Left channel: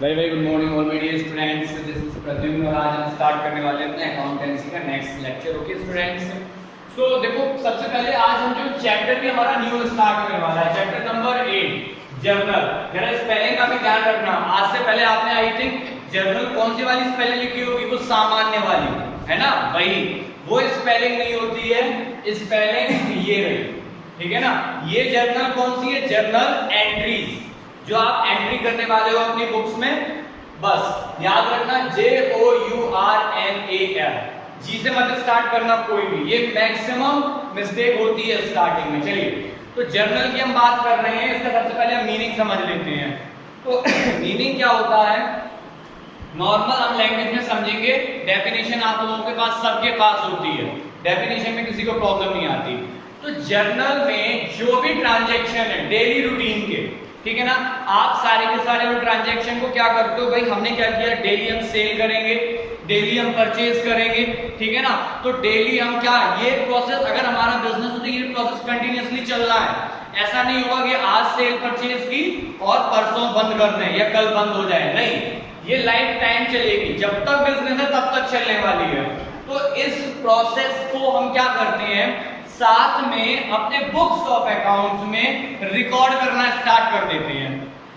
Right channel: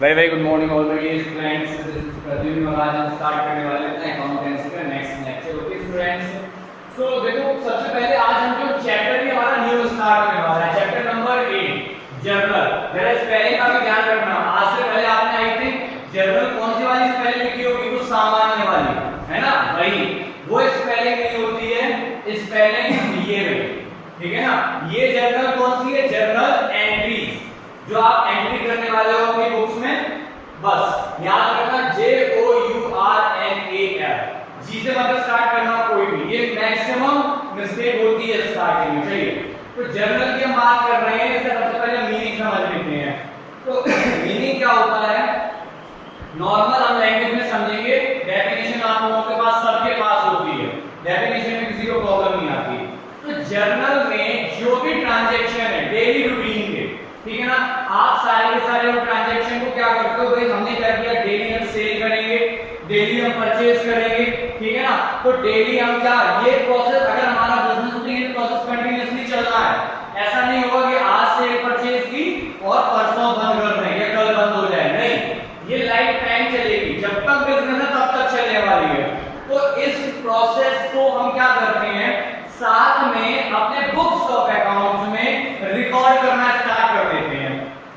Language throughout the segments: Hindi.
Very very good morning all my dear students. This is Pradyumna और आज हम स्टार्ट करने वाले हैं अपना अकाउंटेंसी का नेक्स्ट लेक्चर। ओके स्टूडेंट्स, सो देखो सबसे पहले आज हम जो चैप्टर भी हमारा न्यू स्टार्ट होने वाला है, चैप्टर नंबर 8 जर्नल। जरा स्पेलिंग का भी ध्यान रखना। आज से पहले आपने आई थिंक जर्नल कौन सी वाली स्पेलिंग लिखी होगी? वो सामान्य वाली, है ना? वही वो स्पेलिंग नहीं होती है, स्पेलिंग ये रही, ठीक है ना? ये जर्नल कौन सी है? जर्नल एंट्रीज, जो आप एंट्री करने वाले हो अपनी बुक्स में। बस याद रखना JOURNAL, जी से मत स्टार्ट करना कोई भी, ये मैक्सिमम मिस्टेक होती है स्टार्टिंग में। चलिए, तो जर्नल की हम बात कर रहे हैं, इसका सबसे पहले मीनिंग समझ लेते हैं। तो मीनिंग क्या होता है? नॉर्मल हम लैंग्वेज में समझेंगे, डेफिनेशन आप लोगों के पास सबके पास होती है, डेफिनेशन में किसी को प्रॉब्लम नहीं आती। तो जर्नल में जो भी ट्रांजैक्शन है डेली रूटीन के, ठीक है ना, आप सारे के सारे उन ट्रांजैक्शन को क्या करते हो? भाई हमने क्या किया, डेली हम सेल करेंगे, डेली हम परचेज करेंगे, ठीक है ना? तो डेली हम क्या, ये प्रोसेस अगर हमारा बिजनेस है तो ये प्रोसेस कंटिन्यूअसली चलना है। ऐसा नहीं होगा कि आज सेल परचेज की और परसों बंद कर दें या कल बंद हो जाए, नहीं, ये लाइफ टाइम चलेगी, जब तक बिजनेस है तब तक चलने वाली है। तो इस प्रोसेस को हम क्या करते हैं, साथ में अपने बुक्स ऑफ अकाउंट्स में रिकॉर्ड करना स्टार्ट कर देते हैं।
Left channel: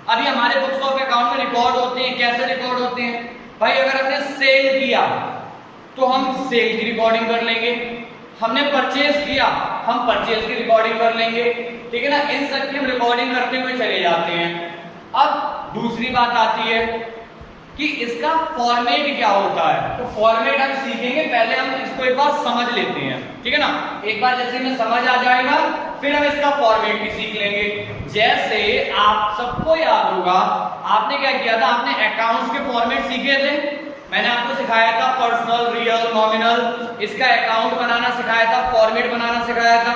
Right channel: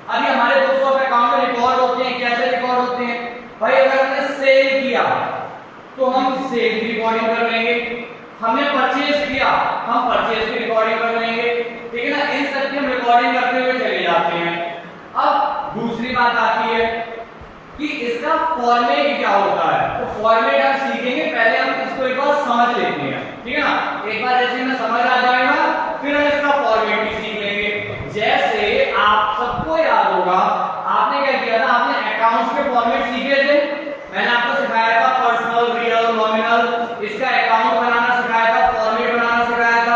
अभी हमारे बुक्स ऑफ अकाउंट में रिकॉर्ड होते हैं, कैसे रिकॉर्ड होते हैं भाई? अगर हमने सेल किया तो हम सेल की रिकॉर्डिंग कर लेंगे, हमने परचेज किया हम परचेज की रिकॉर्डिंग कर लेंगे, ठीक है ना? इन सब की हम रिकॉर्डिंग करते हुए चले जाते हैं। अब दूसरी बात आती है कि इसका फॉर्मेट क्या होता है। तो फॉर्मेट हम सीखेंगे, पहले हम इसको एक बार समझ लेते हैं, ठीक है ना? एक बार जैसे हमें समझ आ जाएगा फिर हम इसका फॉर्मेट भी सीख लेंगे। जैसे आप सबको याद होगा, आपने क्या किया था, आपने अकाउंट्स के फॉर्मेट सीखे थे। मैंने आपको सिखाया था पर्सनल, रियल, नॉमिनल, इसका अकाउंट बनाना सिखाया था, फॉर्मेट बनाना सिखाया था,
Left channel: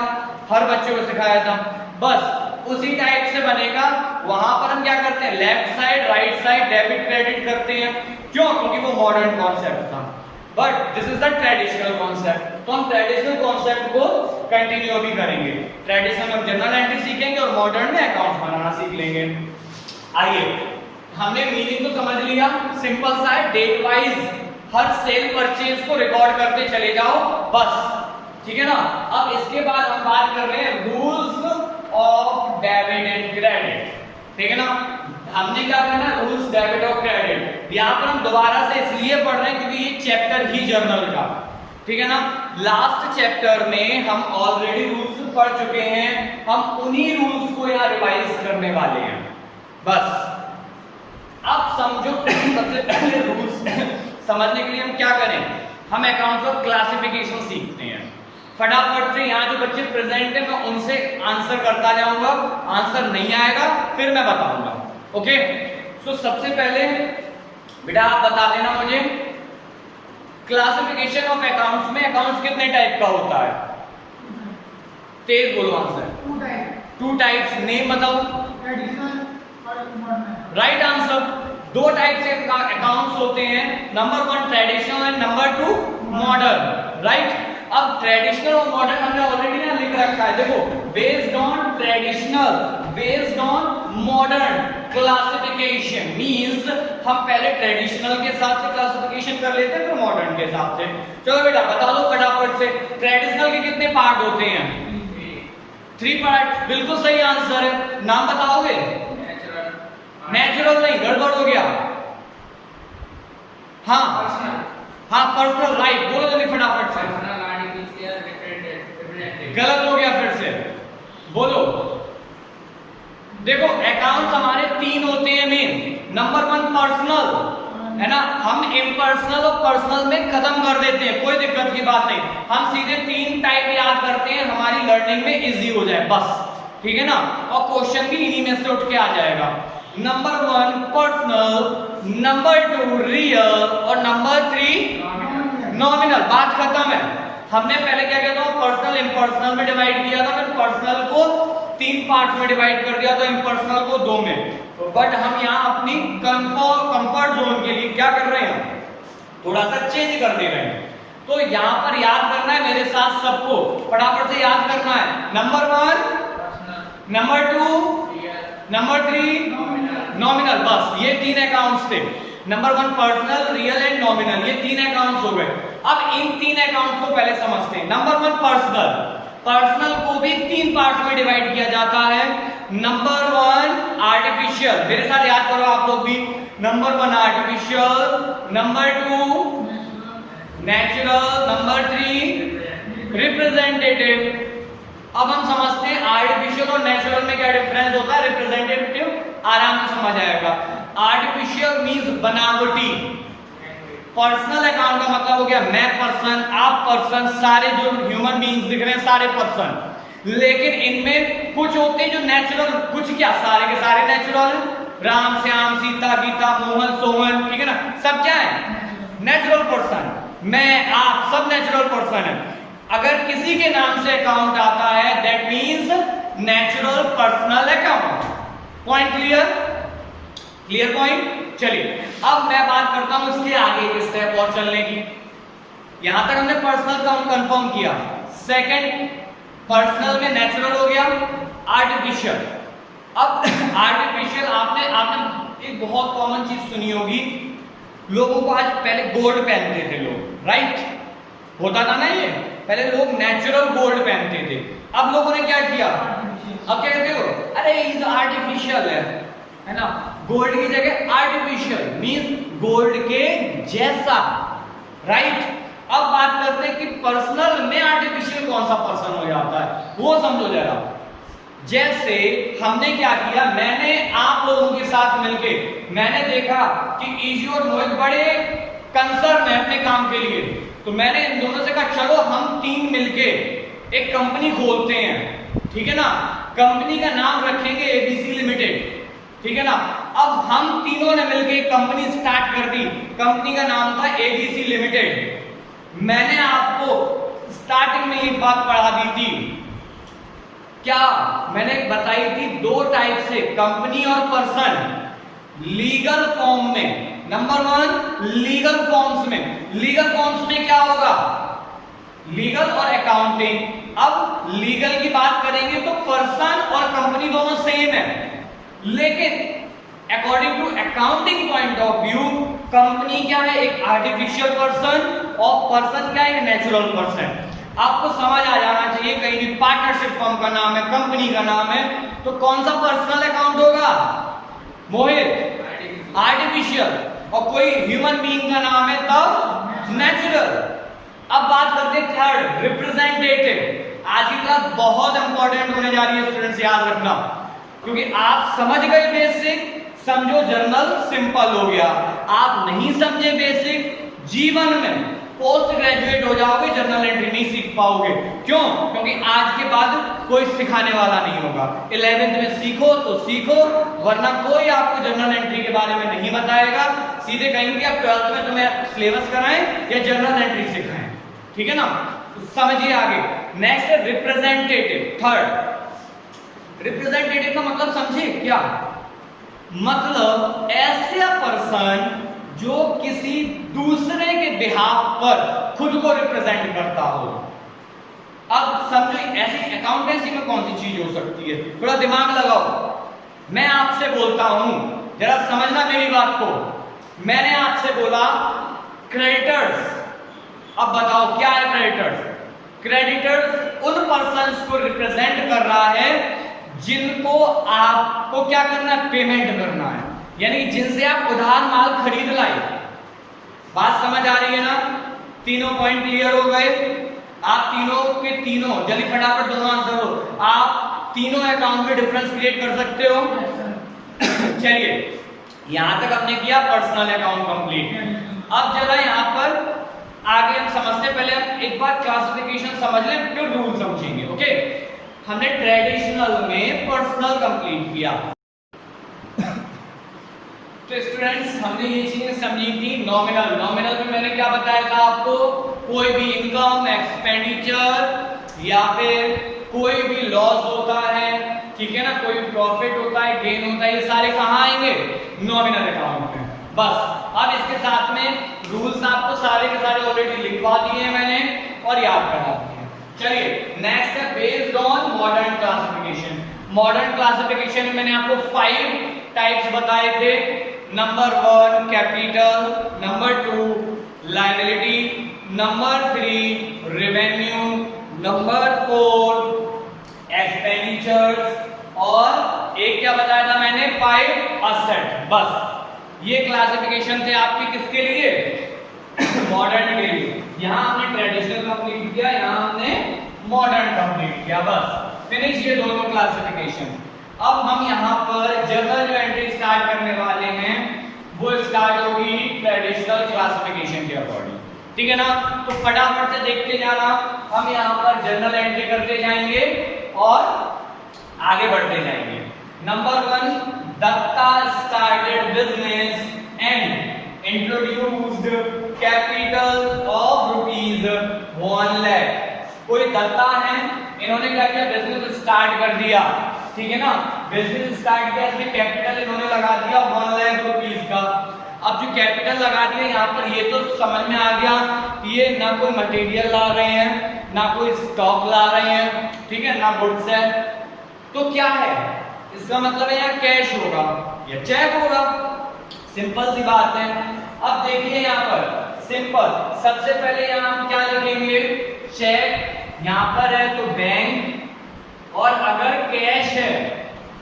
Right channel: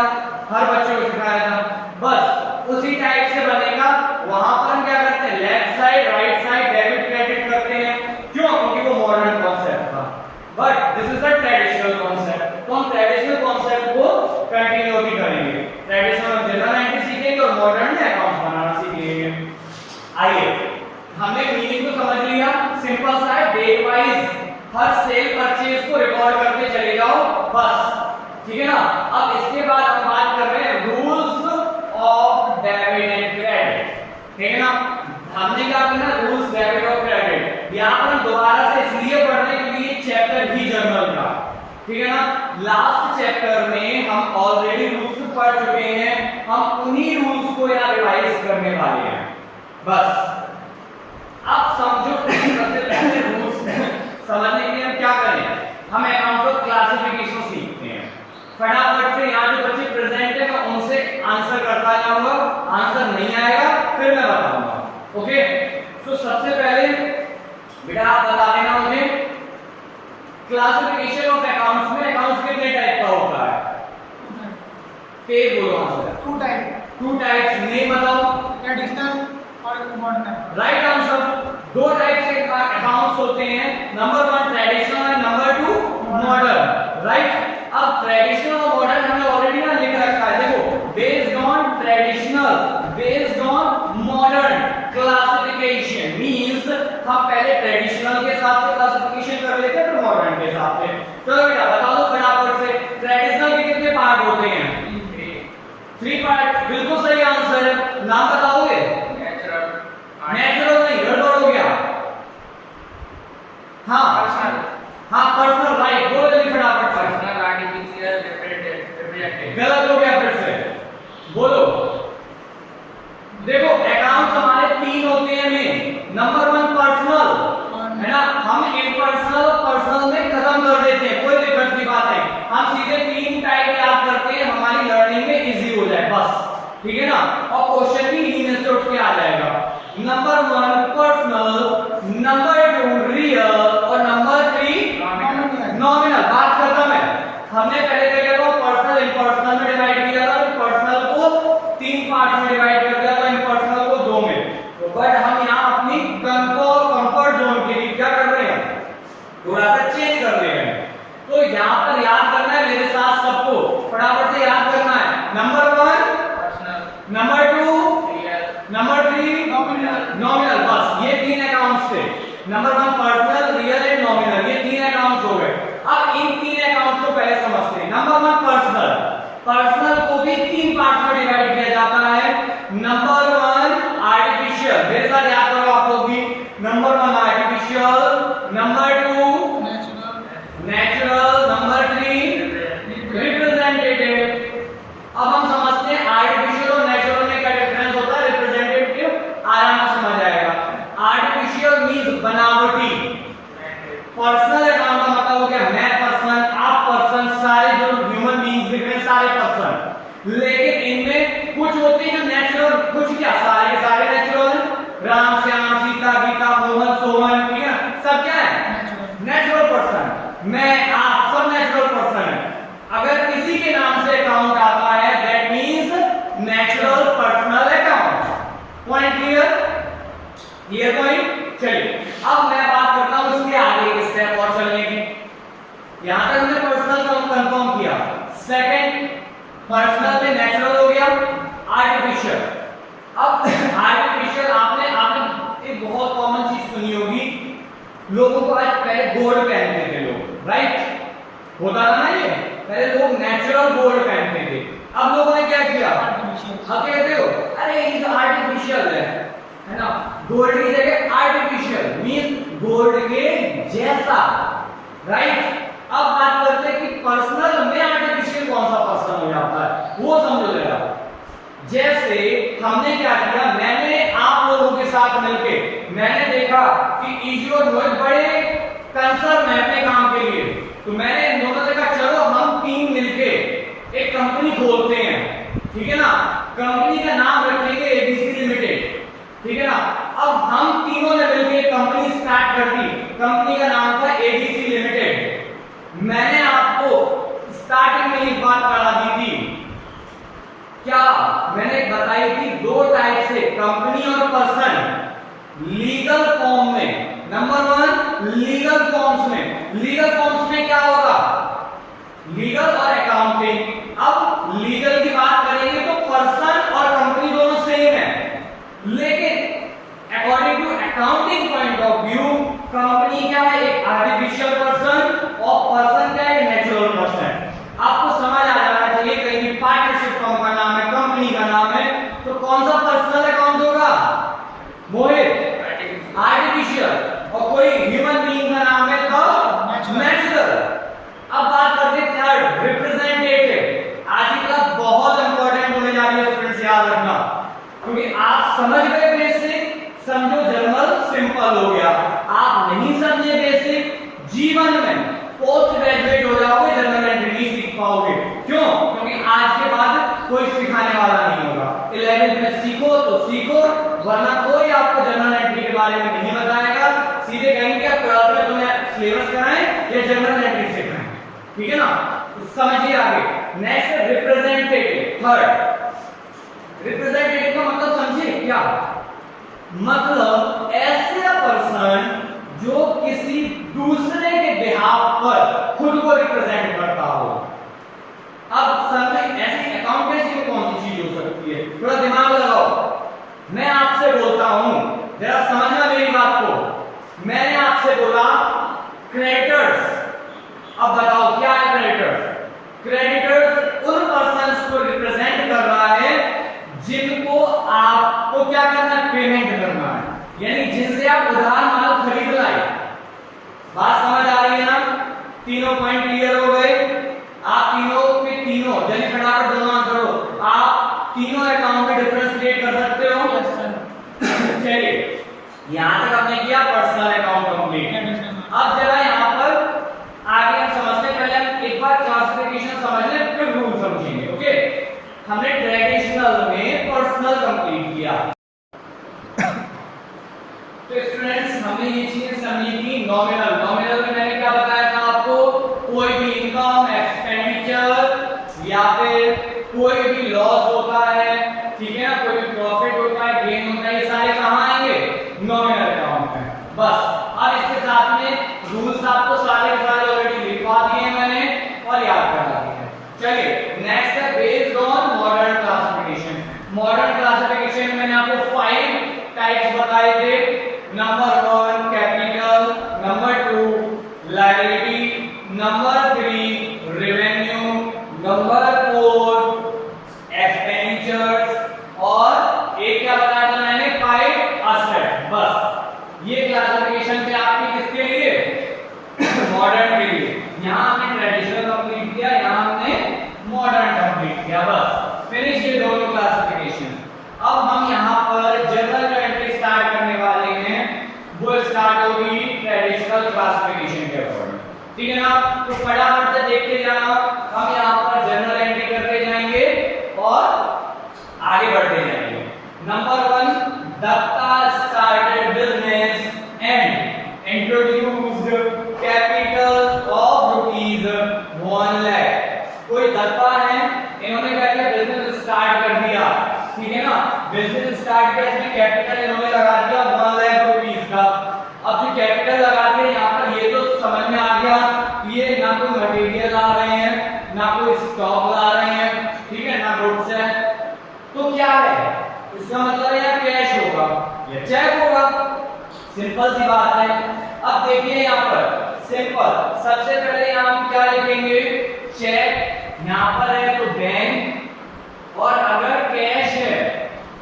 हर बच्चे को सिखाया था। बस उसी टाइप से बनेगा। वहां पर हम क्या करते हैं, left side right side debit credit करते हैं। क्यों? क्योंकि वो मॉडर्न कॉन्सेप्ट था, but this is the traditional concept. तो हम ट्रेडिशनल कॉन्सेप्ट को कंटिन्यू भी करेंगे। ट्रेडिशनल में जर्नल एंट्री सीखेंगे और मॉडर्न में अकाउंट्स बनाना सीख लेंगे। आइए, हमने मीनिंग को समझ लिया, सिंपल सा है, डेट वाइज हर सेल परचेज को रिकॉर्ड करते चले जाओ, बस, ठीक है ना? अब इसके बाद हम बात कर रहे हैं rules of debit and credit, ठीक है ना? हमने क्या करना है, रूल्स डेबिट और क्रेडिट। यहां पर हम दोबारा से इसलिए पढ़ रहे हैं क्योंकि ये चैप्टर ही जर्नल का, ठीक है ना? लास्ट चैप्टर में हम ऑलरेडी रूल्स पढ़ चुके हैं, हम उन्हीं रूल्स को यहां रिवाइज करने वाले हैं। बस अब समझो, सबसे पहले रूल्स समझने के लिए हम क्या करें, हम अकाउंट्स ऑफ क्लासिफिकेशन सीखते हैं। फटाफट से यहाँ जो बच्चे प्रेजेंट है मैं उनसे आंसर करता जाऊंगा, आंसर नहीं आएगा फिर मैं बताऊंगा। ओके, सो सबसे पहले बेटा आप बता देना मुझे, क्लासिफिकेशन ऑफ अकाउंट्स में अकाउंट्स कितने टाइप का होता है? तेज बोलो आंसर। Two types. नेम बताओ। ट्रेडिशनल और मॉडर्न। Right answer. दो टाइप के अकाउंट्स होते हैं, number 1 traditional and number 2 modern, right? अब ट्रेडिशनल और मॉडर्न हमने ऑलरेडी ना लिख रखा है, देखो, based on traditional, based on modern classification means हम पहले ट्रेडिशनल के हिसाब से क्लासिफिकेशन कर लेते हैं फिर मॉडर्न के हिसाब से। चलो बेटा बता दो फटाफट से, ट्रेडिशनल के कितने पार्ट होते हैं? 3 पार्ट। बिल्कुल सही आंसर है। नाम बताओगे? नेचुरल नहीं, गड़बड़ हो गया। हाँ हाँ, पर्सनल, राइट, बोलो जल्दी फटाफट से। गलत हो गया, फिर से बोलो। देखो अकाउंट हमारे 3 होते हैं मेन। नंबर 1 पर्सनल, है ना? हम इम्पर्सनल और पर्सनल में खत्म कर देते हैं, कोई दिक्कत की बात नहीं, हम सीधे 3 टाइप याद करते हैं, हमारी लर्निंग में इजी हो जाए बस, ठीक है ना? और क्वेश्चन भी इन्हीं में से उठ के आ जाएगा। नंबर 1 पर्सनल, नंबर 2 रियल और नंबर 3 नॉमिनल। बात खत्म है। हमने पहले क्या किया था, पर्सनल इम्पर्सनल में डिवाइड किया था, फिर पर्सनल को 3 पार्ट में डिवाइड कर दिया था, इम्पर्सनल को 2 में। बट हम यहाँ अपनी कंफर्ट जोन के लिए क्या कर रहे हैं, थोड़ा सा चेंज कर दे रहे हैं। तो यहाँ पर याद करना है मेरे साथ सबको, फटाफट से याद करना है। नंबर 1 नंबर 2 नंबर 3 नॉमिनल, बस ये 3 अकाउंट्स थे। Number 1 personal, real and nominal, ये 3 अकाउंट्स हो गए। अब इन 3 अकाउंट्स को पहले समझते हैं। नंबर 1 पर्सनल, पर्सनल को भी 3 पार्ट्स में डिवाइड किया जाता है। नंबर 1 आर्टिफिशियल, मेरे साथ याद करो आप लोग भी। Number 1 artificial, number 2 natural, number 3 representative. अब हम समझते हैं आर्टिफिशियल और नेचुरल में क्या डिफरेंस होता है, रिप्रेजेंटेटिव आराम से समझ आएगा। आर्टिफिशियल मींस बनावटी, पर्सनल अकाउंट का मतलब हो गया मैं पर्सन, आप पर्सन, सारे जो ह्यूमन बीइंग्स दिख रहे हैं सारे पर्सन। लेकिन इनमें कुछ होते हैं जो नेचुरल, कुछ क्या सारे के सारे नेचुरल, राम श्याम सीता गीता मोहन सोहन, ठीक है ना, सब क्या है नेचुरल पर्सन। मैं आप सब नेचुरल पर्सन है। अगर किसी के नाम से अकाउंट आता है that means natural personal account. Point clear? Clear point? चलिए अब मैं बात करता हूं इसके आगे के स्टेप और चलने की। यहां तक हमने पर्सनल का कंफर्म किया। सेकंड, पर्सनल में नेचुरल हो गया, आर्टिफिशियल। अब आर्टिफिशियल आपने एक बहुत कॉमन चीज सुनी होगी, लोगों को आज पहले गोल्ड पहनते थे लोग, राइट? होता था ना ये, पहले लोग नेचुरल गोल्ड पहनते थे। अब लोगों ने क्या किया, अब क्या कहते हो, अरे ये तो आर्टिफिशियल है ना, गोल्ड की जगह आर्टिफिशियल मींस गोल्ड के जैसा, राइट? अब बात करते हैं कि पर्सनल में आर्टिफिशियल कौन सा पर्सन हो जाता है, वो समझो जरा। जैसे हमने क्या किया, मैंने आप लोगों के साथ मिलके मैंने देखा कि ईशू और मोहित बड़े कंसर्न है अपने काम के लिए, तो मैंने इन दोनों से कहा चलो हम 3 मिलके एक कंपनी खोलते हैं, ठीक है ना, कंपनी का नाम रखेंगे एबीसी लिमिटेड, ठीक है ना। अब हम तीनों ने मिलके एक कंपनी स्टार्ट कर दी, कंपनी का नाम था एबीसी लिमिटेड। मैंने आपको स्टार्टिंग में एक बात पढ़ा दी थी, क्या मैंने बताई थी, 2 टाइप से कंपनी और पर्सन लीगल फॉर्म में। नंबर 1 लीगल फॉर्म्स में, लीगल फॉर्म्स में क्या होगा, लीगल और अकाउंटिंग। अब लीगल की बात करेंगे तो पर्सन और कंपनी दोनों सेम है, लेकिन according to accounting point of view company क्या है, एक आर्टिफिशियल पर्सन, और पर्सन क्या है, नेचुरल पर्सन। आपको समझ आ जाना चाहिए, कहीं भी पार्टनरशिप फर्म का नाम है, कंपनी का नाम है, तो कौन सा पर्सनल अकाउंट होगा, मोहित आर्टिफिशियल, और कोई ह्यूमन बीइंग का नाम है तब नेचुरल। अब बात करते हैं थर्ड, रिप्रेजेंटेटिव। आज की क्लास बहुत इंपॉर्टेंट होने जा रही है स्टूडेंट्स, याद रखना, क्योंकि आप समझ गए बेसिक, समझो जनरल सिंपल हो गया। आप नहीं समझे बेसिक, जीवन में पोस्ट ग्रेजुएट हो जाओगे, जनरल एंट्री नहीं सीख पाओगे। क्यों? क्योंकि आज के बाद कोई सिखाने वाला नहीं होगा। 11th में सीखो तो सीखो, वरना कोई आपको जनरल एंट्री के बारे में नहीं बताएगा। सीधे कहेंगे आप 12th में तुम्हें सिलेबस कराएं या जनरल एंट्री सिखाएं, ठीक है ना। तो समझिए आगे। नेक्स्ट है रिप्रेजेंटेटिव, थर्ड। रिप्रेजेंटेटिव का मतलब समझिए क्या, मतलब ऐसा पर्सन जो किसी दूसरे के बिहाफ पर खुद को रिप्रेजेंट करता हो। अब समझो ऐसी अकाउंटेंसी में कौन सी चीज हो सकती है, थोड़ा दिमाग लगाओ। मैं आपसे बोलता हूं, जरा समझना मेरी बात को। मैंने आपसे बोला क्रेडिटर्स, अब बताओ क्या है क्रेडिटर्स? क्रेडिटर्स उन पर्सन्स को रिप्रेजेंट कर रहा है जिनको आपको क्या करना है, पेमेंट करना है, यानी जिनसे आप उधार माल खरीद लाए। बात समझ आ रही है ना? तीनों पॉइंट क्लियर हो गए? आप तीनों के तीनों जल्दी फटाफट दोनों आंसर हो। आप तीनों अकाउंट में डिफरेंस क्रिएट कर सकते हो? चलिए यहां तक हमने किया पर्सनल अकाउंट कंप्लीट। अब जरा यहां पर आगे हम समझते हैं, पहले हम एक बार क्लासिफिकेशन समझ लें फिर रूल समझेंगे। ओके, हमने ट्रेडिशनल में पर्सनल कंप्लीट किया। तो स्टूडेंट्स हमने ये चीजें समझी थी। नॉमिनल, नॉमिनल में मैंने क्या बताया था आपको, कोई भी इनकम, एक्सपेंडिचर या फिर कोई भी लॉस होता है, ठीक है ना, कोई भी प्रॉफिट होता है, गेन होता है, ये सारे कहाँ आएंगे, नॉमिनल अकाउंट में। बस अब इसके साथ में रूल्स आपको सारे के सारे ऑलरेडी लिखवा दिए मैंने और याद करा दिए। चलिए नेक्स्ट है based on modern classification. Modern classification classification मैंने आपको 5 टाइप्स बताए थे। Number 1 capital, number 2 liability, number 3 revenue, number 4 expenditures और एक क्या बताया था मैंने 5 असेट। बस ये क्लासिफिकेशन थे आपके किसके लिए? मॉडर्न के लिए। यहाँ हमने ट्रेडिशनल कंप्लीट किया, यहाँ हमने मॉडर्न कंप्लीट किया। बस फिनिश ये दोनों क्लासिफिकेशन। अब हम यहाँ पर जनरल जो एंट्री स्टार्ट करने वाले हैं वो स्टार्ट होगी ट्रेडिशनल क्लासिफिकेशन के अकॉर्डिंग, ठीक है ना? तो फटाफट से देखते जाना। हम यहाँ पर जनरल एंट्री करते जाएंगे और आगे बढ़ते जाएंगे। Number 1 Datta started business and introduced capital of ₹1 lakh. कोई दत्ता है, इन्होंने क्या किया? बिजनेस स्टार्ट कर दिया, ठीक है ना? बिजनेस स्टार्ट किया, इसमें कैपिटल इन्होंने लगा दिया ₹1 लाख का। अब जो कैपिटल लगा दिया यहाँ पर, ये तो समझ में आ गया कि ये ना कोई मटेरियल ला रहे हैं, ना कोई स्टॉक ला रहे हैं, ठीक है ना, गुड्स है। तो क्या है इसका मतलब है यहाँ कैश होगा या चेक होगा, सिंपल सी बात है। अब देखिए यहाँ पर सिंपल, सबसे पहले यहाँ हम क्या लिखेंगे? चेक। यहाँ पर है तो बैंक, और अगर कैश है,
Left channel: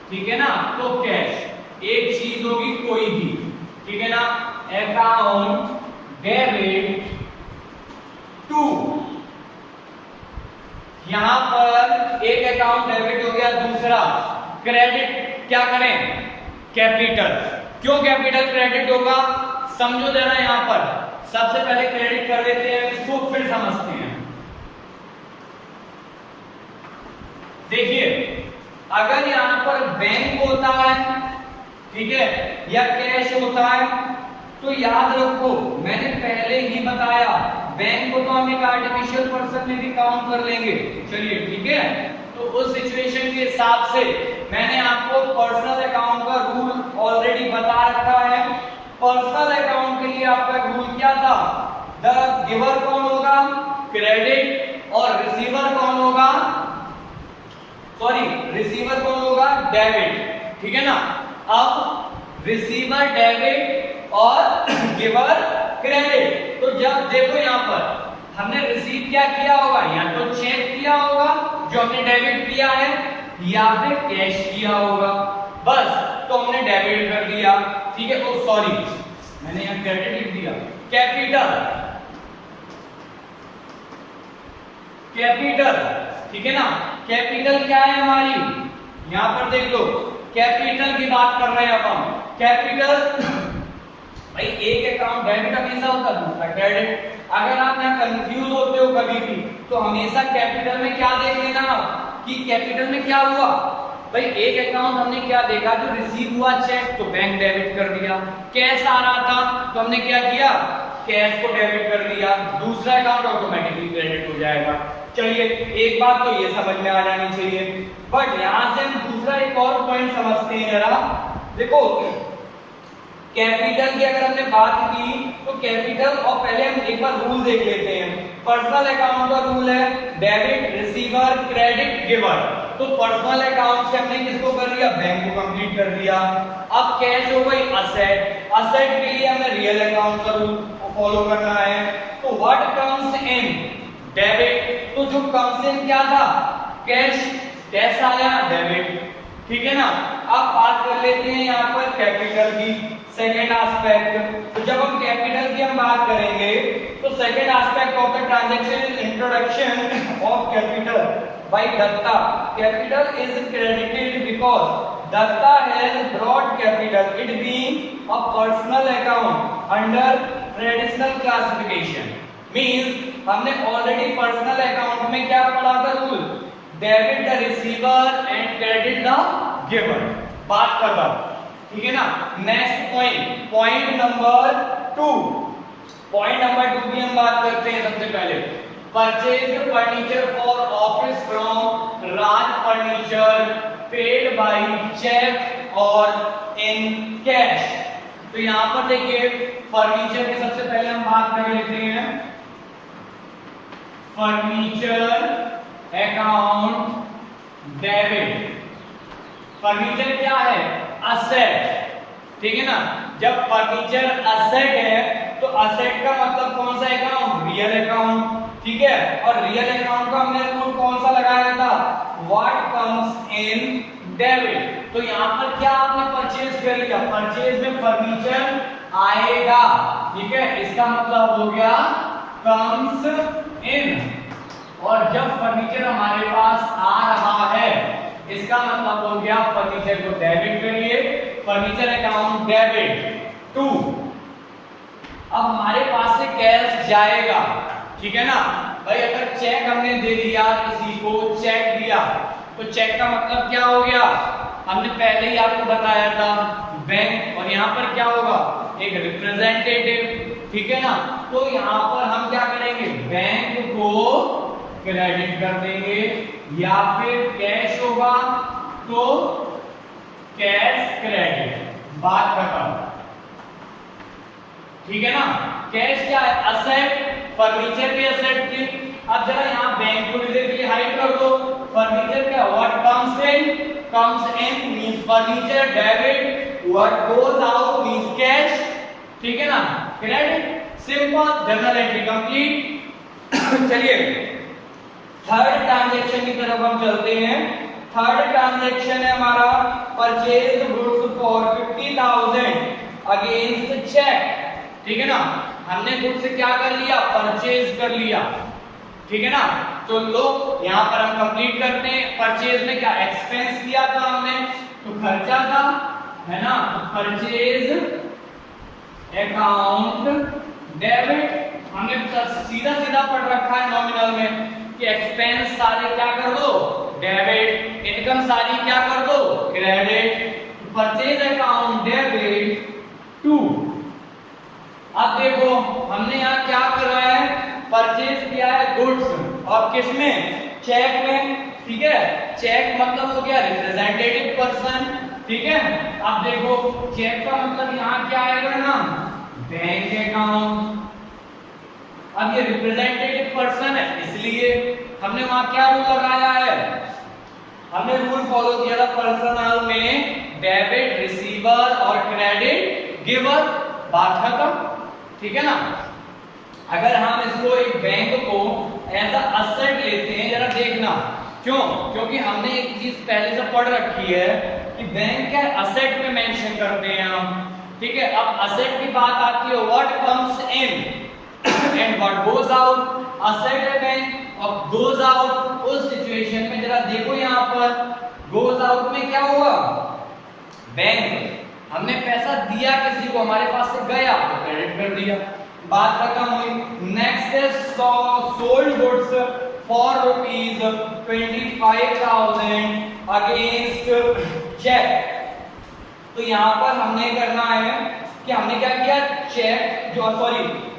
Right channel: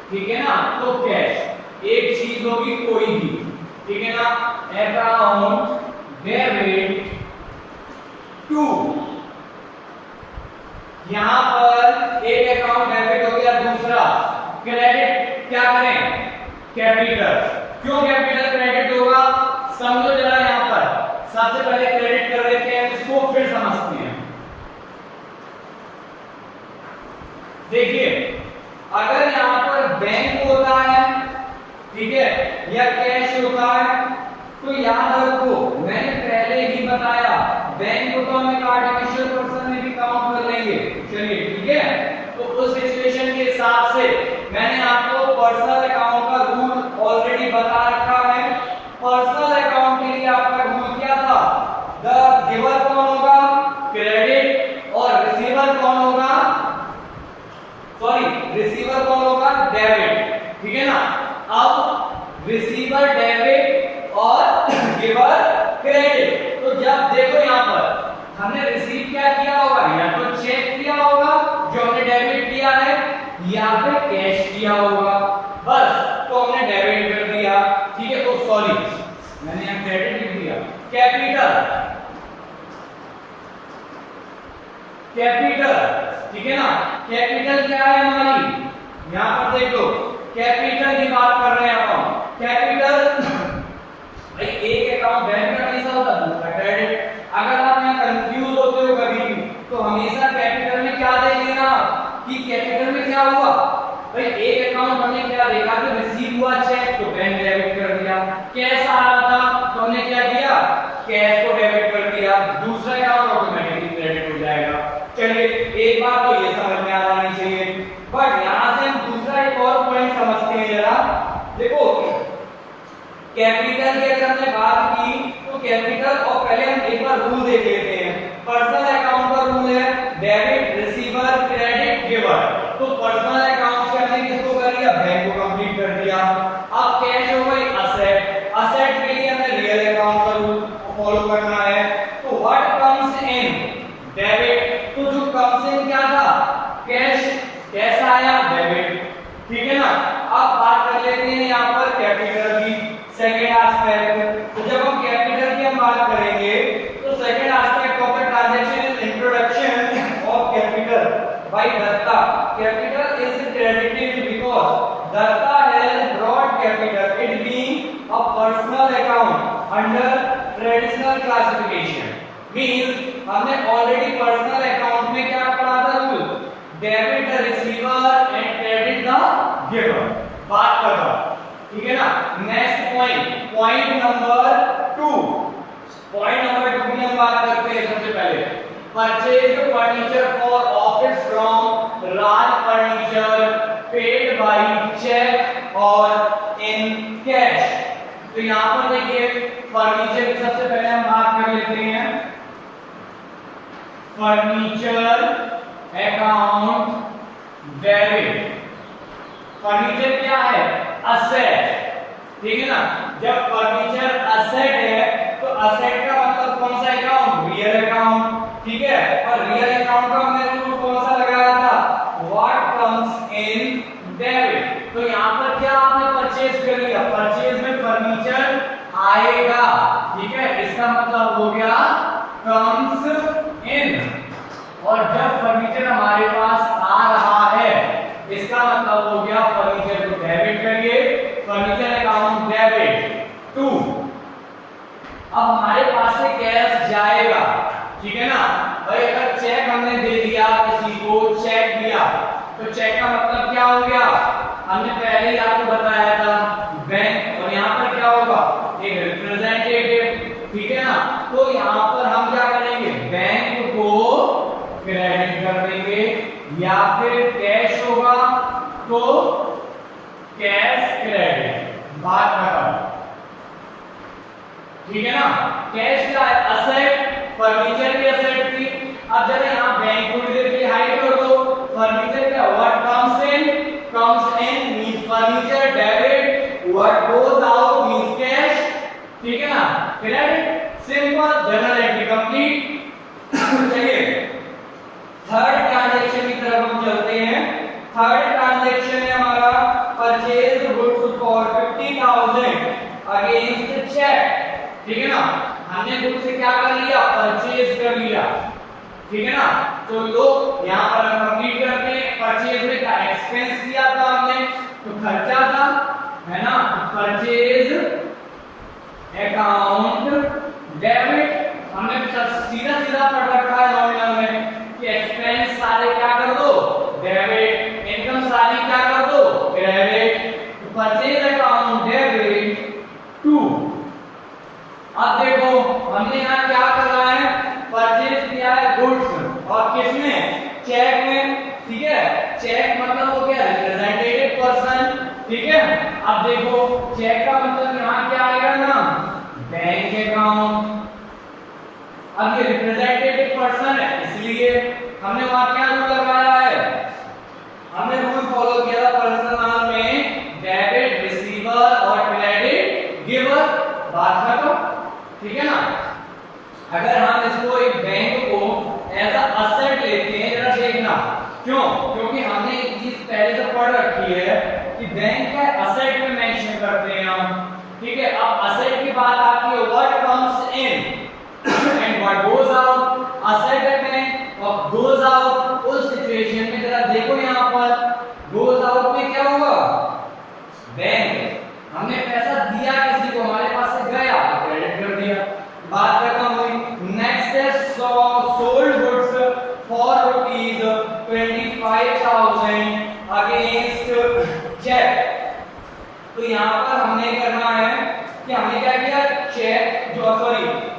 ठीक है ना, तो कैश एक चीज होगी कोई भी, ठीक है ना? अकाउंट डेबिट टू, यहां पर एक अकाउंट डेबिट हो गया, दूसरा क्रेडिट क्या करें? कैपिटल। क्यों कैपिटल क्रेडिट होगा? समझो जरा, यहां पर सबसे पहले क्रेडिट कर देते हैं इसको, फिर समझते हैं। देखिए अगर यहां पर बैंक होता है, ठीक है, या कैश होता है, तो याद रखो मैंने पहले ही बताया बैंक को तो हम एक आर्टिफिशियल पर्सन में भी काउंट कर लेंगे। चलिए ठीक है, तो उस सिचुएशन के हिसाब से मैंने आपको पर्सनल अकाउंट का रूल ऑलरेडी बता रखा है। पर्सनल अकाउंट के लिए आपका रूल क्या था? द गिवर कौन होगा? क्रेडिट, और रिसीवर कौन होगा? रिसीवर कौन होगा? डेबिट, ठीक है ना? अब रिसीवर डेबिट और गिवर क्रेडिट। तो जब देखो यहां पर हमने रिसीव क्या किया होगा? या तो चेक किया होगा जो हमने डेबिट किया है, या फिर कैश किया होगा। बस तो हमने डेबिट कर दिया, ठीक है? तो सॉरी मैंने यहां क्रेडिट लिख दिया। कैपिटल, कैपिटल, ठीक है ना? कैपिटल क्या है हमारी? यहां पर देख लो, कैपिटल की बात कर रहे हैं अब हम। कैपिटल भाई एक अकाउंट डेबिट का कैसा होता है, दूसरा क्रेडिट। अगर आप यहाँ कंफ्यूज होते हो कभी भी, तो हमेशा कैपिटल में क्या देख लेना कि कैपिटल में क्या हुआ। भाई एक अकाउंट हमने क्या देखा, जो रिसीव हुआ चेक, तो बैंक डेबिट कर दिया। कैश आ रहा था तो हमने क्या किया? कैश को डेबिट कर दिया। दूसरा अकाउंट ऑटोमेटिकली क्रेडिट हो जाएगा। चलिए एक बात तो ये समझ में आ जानी चाहिए, बट यहां से हम दूसरा एक और पॉइंट समझते हैं जरा। देखो कैपिटल की अगर हमने बात की, तो कैपिटल, और पहले हम एक बार रूल देख लेते हैं। पर्सनल अकाउंट का रूल है डेबिट, रिसीवर, क्रेडिट, गिवर। तो पर्सनल अकाउंट से हमने किसको कर दिया? बैंक को कंप्लीट कर दिया। अब कैश हो गई असेट। असेट के लिए हमें रियल अकाउंट का रूल फॉलो करना है। तो व्हाट कम्स इन? डेबिट। तो जो कम्स इन क्या था? कैश। कैश आया? डेबिट, ठीक है ना? अब बात कर लेते हैं यहाँ पर कैपिटल की, सेकेंड एस्पेक्ट। तो जब हम कैपिटल की हम बात करेंगे, तो second aspect of the transaction is introduction of capital by Datta. Capital is credited because Datta has brought capital, it being a personal account under traditional classification. Means हमने ऑलरेडी पर्सनल अकाउंट में क्या पढ़ा था rule? Debit the receiver and credit the giver. बात कर रहा हूं, ठीक है ना? Next point, point number 2। Point number 2 की हम बात करते हैं। सबसे पहले purchase furniture for office from Raj furniture, paid by cheque और इन कैश। तो यहां पर देखिए फर्नीचर की सबसे पहले हम बात कर लेते हैं। फर्नीचर अकाउंट डेबिट, फर्नीचर क्या है? असेट, ठीक है ना। जब फर्नीचर असेट है तो असेट का मतलब कौन सा अकाउंट? रियल अकाउंट, ठीक है। और रियल अकाउंट का हमने रूल कौन सा लगाया था? What comes in debit. तो यहाँ पर क्या आपने परचेज कर लिया? परचेज में फर्नीचर आएगा, ठीक है। इसका मतलब हो गया कम्स इन। और जब फर्नीचर हमारे पास आ रहा है इसका मतलब हो गया फर्नीचर को डेबिट करिए, फर्नीचर अकाउंट डेबिट टू। अब हमारे पास से कैश जाएगा, ठीक है ना भाई। अगर चेक हमने दे दिया, किसी को चेक दिया, तो चेक का मतलब क्या हो गया? हमने पहले ही आपको बताया था बैंक, और यहाँ पर क्या होगा? एक रिप्रेजेंटेटिव, ठीक है ना। तो यहाँ पर हम क्या करेंगे? बैंक को क्रेडिट कर देंगे, या फिर कैश होगा तो कैश क्रेडिट, बात खत्म, ठीक है ना। कैश क्या है? असेट, फर्नीचर भी असेट थी। अब जरा यहाँ बैंक को इधर की हाइड कर दो। फर्नीचर क्या? What comes in, comes in means furniture debit, what goes out means cash, ठीक है ना। Credit, simple, journal entry complete. चलिए थर्ड ट्रांजैक्शन की तरफ हम चलते हैं। थर्ड ट्रांजैक्शन है हमारा purchase goods for 50,000 against cheque, ठीक है ना। हमने गुड्स से क्या कर लिया? परचेज कर लिया, ठीक है ना। तो लोग यहाँ पर हम कंप्लीट करते हैं। परचेज में क्या एक्सपेंस दिया था हमने? तो खर्चा था, है ना। परचेज अकाउंट डेबिट, हमने सीधा सीधा पढ़ रखा है नॉमिनल में कि एक्सपेंस सारे क्या कर दो? डेबिट, इनकम सारी क्या कर दो? क्रेडिट। तो परचेज अकाउंट डेबिट टू। अब देखो हमने यहाँ क्या कर रहा है? परचेज किया है गुड्स, और किसमें? चेक में, ठीक है। चेक मतलब हो गया रिप्रेजेंटेटिव पर्सन, ठीक है। अब देखो चेक का मतलब यहाँ क्या आएगा ना? Bank account. अब ये रिप्रेजेंटेटिव पर्सन है, इसलिए हमने वहां क्या रूल लगाया है? हमने रूल फॉलो किया था पर्सनल में डेबिट रिसीवर और क्रेडिट गिवर, बात खत्म, ठीक है ना। अगर हम इसको एक बैंक को एज अ असेट लेते हैं, जरा देखना क्यों? क्योंकि हमने एक चीज पहले से पढ़ रखी है कि बैंक का असेट में मेंशन करते हैं हम, ठीक है। अब असेट की बात आती है what comes in and what goes out. Asset है बैंक और गोज आउट, उस सिचुएशन में जरा देखो यहाँ पर गोज आउट में क्या हुआ? बैंक, हमने पैसा दिया किसी को, हमारे पास से गया तो क्रेडिट कर दिया, बात खत्म हुई। नेक्स्ट है sold goods for rupees 25,000 against cheque. तो यहाँ पर हमने करना है कि हमने क्या किया? चेक जो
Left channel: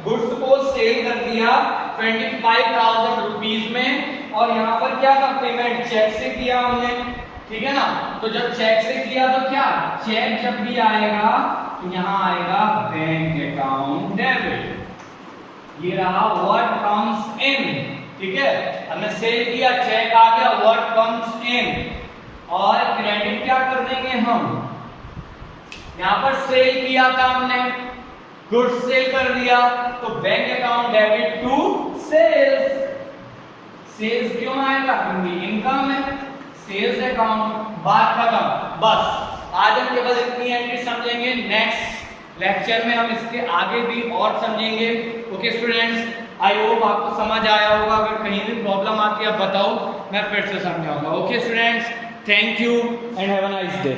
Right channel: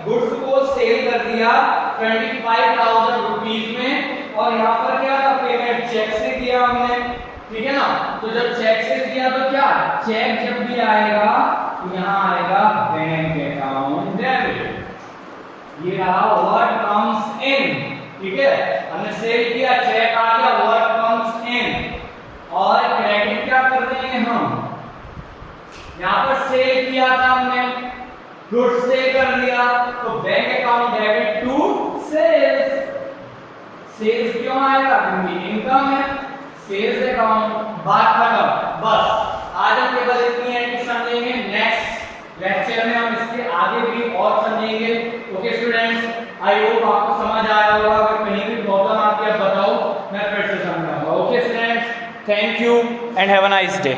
गुड्स को सेल कर दिया 25,000 रुपीज में, और यहाँ पर क्या था? पेमेंट चेक से किया हमने, ठीक है ना। तो जब चेक से किया तो क्या? चेक जब भी आएगा तो यहाँ आएगा बैंक अकाउंट डेबिट। ये रहा व्हाट कम्स इन, ठीक है। हमने सेल किया, चेक आ गया, व्हाट कम्स इन। और क्रेडिट क्या कर देंगे हम? यहाँ पर सेल किया था हमने, गुड्स सेल कर लिया, तो bank account debit to sales. Sales क्यों आएगा? क्योंकि इनकम है, सेल्स अकाउंट, बात खत्म। बस आज हम केवल इतनी एंट्री समझेंगे, नेक्स्ट लेक्चर में हम इसके आगे भी और समझेंगे। ओके स्टूडेंट्स, आई होप आपको समझ आया होगा। अगर कहीं भी प्रॉब्लम आती है बताओ, मैं फिर से समझाऊंगा। Okay students, thank you and have a nice day.